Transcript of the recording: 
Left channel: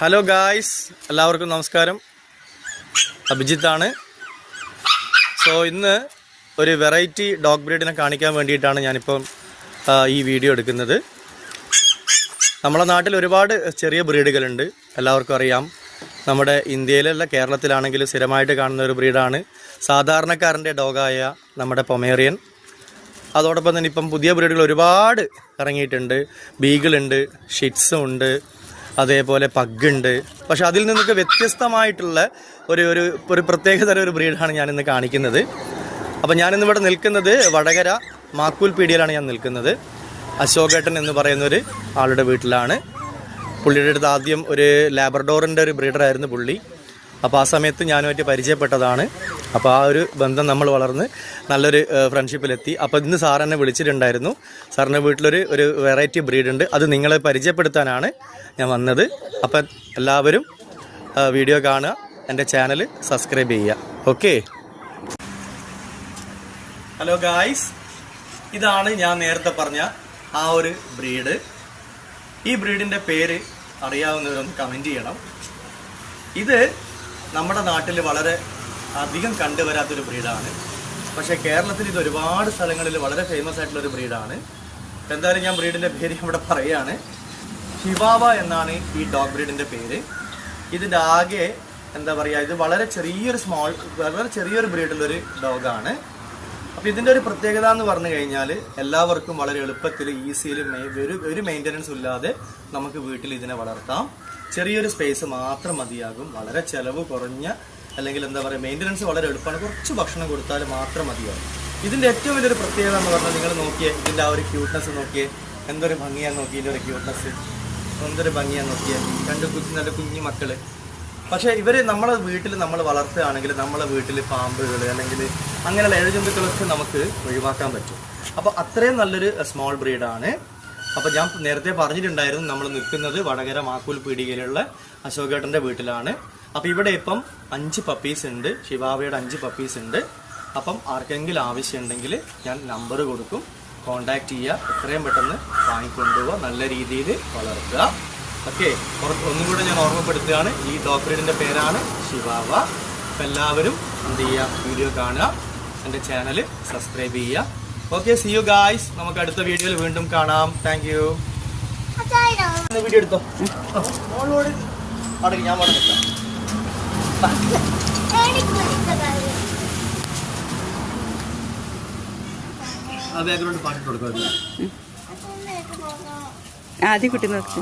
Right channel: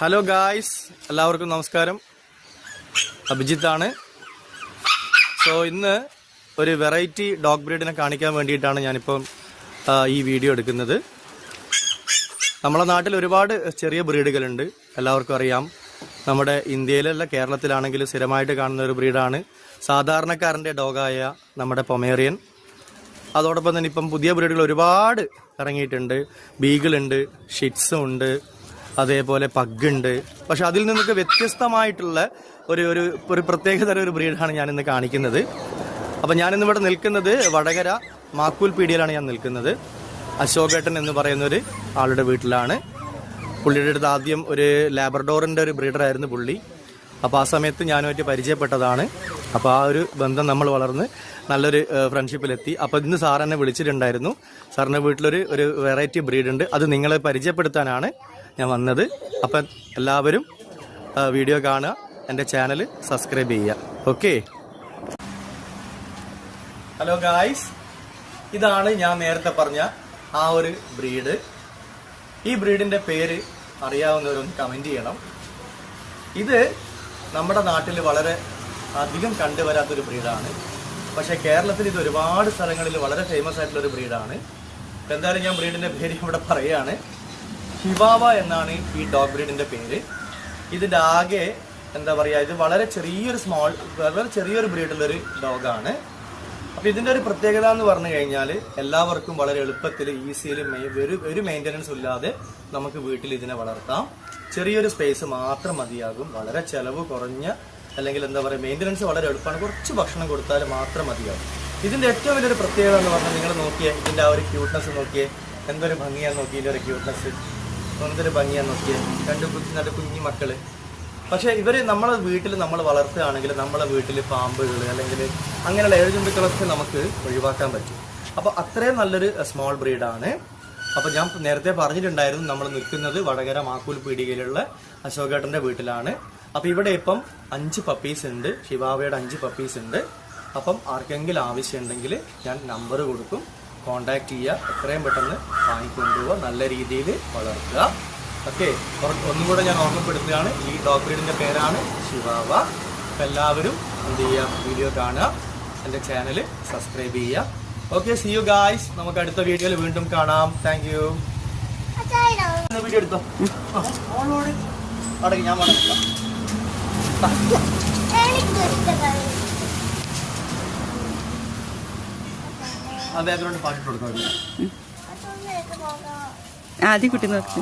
Hello guys, എല്ലാവർക്കും നമസ്കാരം. അഭിജിത്താണ്. So ഇന്ന് ഒരു വെറൈറ്റി ഡോഗ് ബ്രീഡിനെ കാണിക്കാൻ വേണ്ടിയിട്ടാണ് ഞാനിപ്പം ഈ വീഡിയോ എടുക്കുന്നത്. നമ്മുടെ നാട്ടിൽ ഒരുപാട് ചെറിയ ബ്രീഡുകളുണ്ട്, എല്ലാവർക്കും അറിയാം. നമ്മുടെ ഇന്ത്യയിലല്ല കേരളത്തിലാണെങ്കിലും സ്ഥിരമായിട്ട് കാണുന്ന ഒരു ബ്രീഡാണ് സാധാരണക്കാരൻ്റെ ഡോഗായ നമ്മുടെ പൊമേറിയൻ. അതോടൊപ്പം തന്നെ ഇപ്പം പുതിയ ബ്രീഡുകൾ ഒരുപാട് ഇറങ്ങിയിട്ടുണ്ട്. ബീഗിളുണ്ട്, ഷിറ്റ്സും ഉണ്ട്, അതേപോലെ പഗ്ഗുണ്ട്. പക്ഷെ അതിൽ നിന്നൊക്കെ വ്യത്യസ്തമായിട്ടുള്ള ഒരു പ്രത്യേകതരം ഒരു ബ്രീഡാണ് ഞാനിന്ന് കാണിക്കുന്നത്. അപ്പം ഞാനിന്നിവിടെ നിൽക്കുന്നത് വടകര മാക്കൂൽ പീടികയിലാണ് ഞാൻ നിൽക്കുന്നത്. അശോകേട്ടൻ എന്ന് പറയുന്നൊരു ആളുടെ വീട്ടിലാണ്. പുള്ളിയുടെ അടുത്ത് ആദ്യം ഒരു ലാബ്രഡോറിൻ്റെ ഒരു ബ്രീഡറായിരുന്നു പുള്ളി. അപ്പോൾ ആ സമയത്ത് ഞാനുമായിട്ട് പരിചയപ്പെട്ടതാണ്. അപ്പോൾ ആ ഒരു ബന്ധം നമ്മൾ വളർന്ന് നല്ലൊരു ഫ്രണ്ട്ഷിപ്പിലെത്തി. അപ്പോൾ ഇന്ന് സാർ എന്നെ വിളിച്ചിട്ടുണ്ടായിരുന്നു. സാറിൻ്റെ വീട്ടിലൊരു വെറൈറ്റി ബ്രീഡുണ്ട്, അത് നിങ്ങളെ പരിചയപ്പെടുത്താനാണ് ഞാൻ വന്നത്. അപ്പം എല്ലാവരും വീഡിയോ കാണുക, എൻ്റെ ചാനൽ സബ്സ്ക്രൈബ് ചെയ്യുക. ഓക്കെ. ഹലോ ഗായ്സ്, ഇതാണ് ഞാൻ നേരത്തെ പറഞ്ഞ ആ ഒരു ബ്രീഡ്. ഈ ബ്രീഡിൻ്റെ പേര് അറിയാവുന്നവരൊന്ന് കമൻറ്റ് ചെയ്യണം. ഇത് നമ്മുടെ നാട്ടിൽ വളരെ അധികം കണ്ടുവരാത്തൊരു ബ്രീഡാണ്. പക്ഷേ കേരളത്തിൽ ഇത് ഒരുപാട് സ്ഥലങ്ങളിൽ വളരെ ഫേമസ് ആയിട്ടുള്ളൊരു ബ്രീഡാണ്. എന്തായാലും ഞാൻ ബ്രീഡിൻ്റെ പേര് ഇവിടെ പറയുകയാണ്. ഷിവാവ എന്നാണ് ഈ ഡോഗ് ബ്രീഡിൻ്റെ പേര്. ഇതിൻ്റെ ആകെ എന്താ പറയുക, ഇത് വളരെ ചെറിയൊരു ബ്രീഡുള്ളൊരു ഡോഗാണ്. അപ്പോൾ ഇതിൻ്റെ ഒരു പ്രത്യേകത എന്ന് പറഞ്ഞു കഴിഞ്ഞാൽ എല്ലാവർക്കും വളരെ എളുപ്പത്തിൽ ഈസിയിൽ ഒരു മെയിൻ്റനൻസ് ഇല്ലാതെ നമുക്ക് വീട്ടിൽ ഇതിനെ വളർത്താം. ചെറിയൊരു സ്പേസ് മാത്രം മതിയാകും. വളരെ ചിലവ് കുറഞ്ഞ, അല്ലെങ്കിൽ എന്താ പറയുക, മെയിൻ്റനൻസ് വളരെ എളുപ്പമാണ്. കുറച്ച് ഭക്ഷണം കൊടുത്താൽ മാത്രം മതിയാകും. ഇതിൻ്റെ ഏറ്റവും വലിയൊരു പ്രത്യേകത എന്ന് പറഞ്ഞാൽ നിങ്ങൾ നോക്കിയേ, ഇതിൻ്റെ ആ ഒരു ക്യൂട്ട്നെസ് നോക്കിയേ, എന്തൊരു ഭംഗിയാന്ന് നോക്കിയേ. ഇതിൻ്റെ ഒരു ക്യൂട്ട്നെസ് എന്തൊരു ഭംഗിയാന്ന് നോക്കിയേ. നല്ല കുഞ്ഞു മക്കള്. പക്ഷേ ഇവര് നമ്മളെ വീട്ടിൽ നമ്മൾ വളർത്തുകയാണെങ്കിൽ നമ്മളെ വീട്ടിൽ പാമ്പുകൾ അല്ലെങ്കിൽ അങ്ങനെയുള്ള ഏഴജന്തുക്കളൊക്കെ നമുക്ക് ഒഴിവാക്കാൻ പറ്റും. അപ്പോൾ അത്രയും നല്ലൊരു സ്മോൾ ബ്രീഡാണ്. അപ്പോൾ ഞാൻ നേരത്തെ പറഞ്ഞിട്ടുണ്ടായിരുന്നു, നമ്മൾ നിൽക്കുന്നത് വടകര മാക്കൂൽ പീടികയിലുള്ള അശോകേട്ടൻ്റെ വീട്ടിലാണ്. അപ്പോൾ ഇവിടെ ഇപ്പം 5 പപ്പീസ് ഉണ്ട്. ഷിവാവയുടെ 5 പപ്പീസ് ഉണ്ട്. അപ്പം ആർക്കെങ്കിലും ആവശ്യമുണ്ടെങ്കിൽ ഞാൻ നമ്പർ കൊടുക്കും, കോണ്ടാക്ട് ചെയ്യുക. എത്രയും പെട്ടെന്ന് വാങ്ങിക്കൊണ്ടുപോവുക, നല്ല രീതിയിൽ വളർത്തുക. ഓക്കെ. ഒന്നും കൂടെ ഞാൻ ഓർമ്മപ്പെടുത്തുകയാണ്, ഈ ഡോഗ് ബ്രീഡിൻ്റെ പേരാണ് ഷിവാവ. അപ്പം എല്ലാവരും എന്ത് ചെയ്യുക, വീഡിയോ കാണുക, എൻ്റെ ചാനൽ സബ്സ്ക്രൈബ് ചെയ്യുക. Okay, see you guys. നമുക്ക് അടുത്ത വീഡിയോയിൽ വീണ്ടും കാണാം. Thank you. വീഡിയോ എടുത്തോ, മോളോട് അടങ്ങി, ഞാൻ മുടങ്ങിട്ടാം. ആ ബാക്ക്ഗ്രൗണ്ട് പാട്ടിട്ട് കൊടുക്കാം. ആദ്യം കുട്ടി നോക്കി.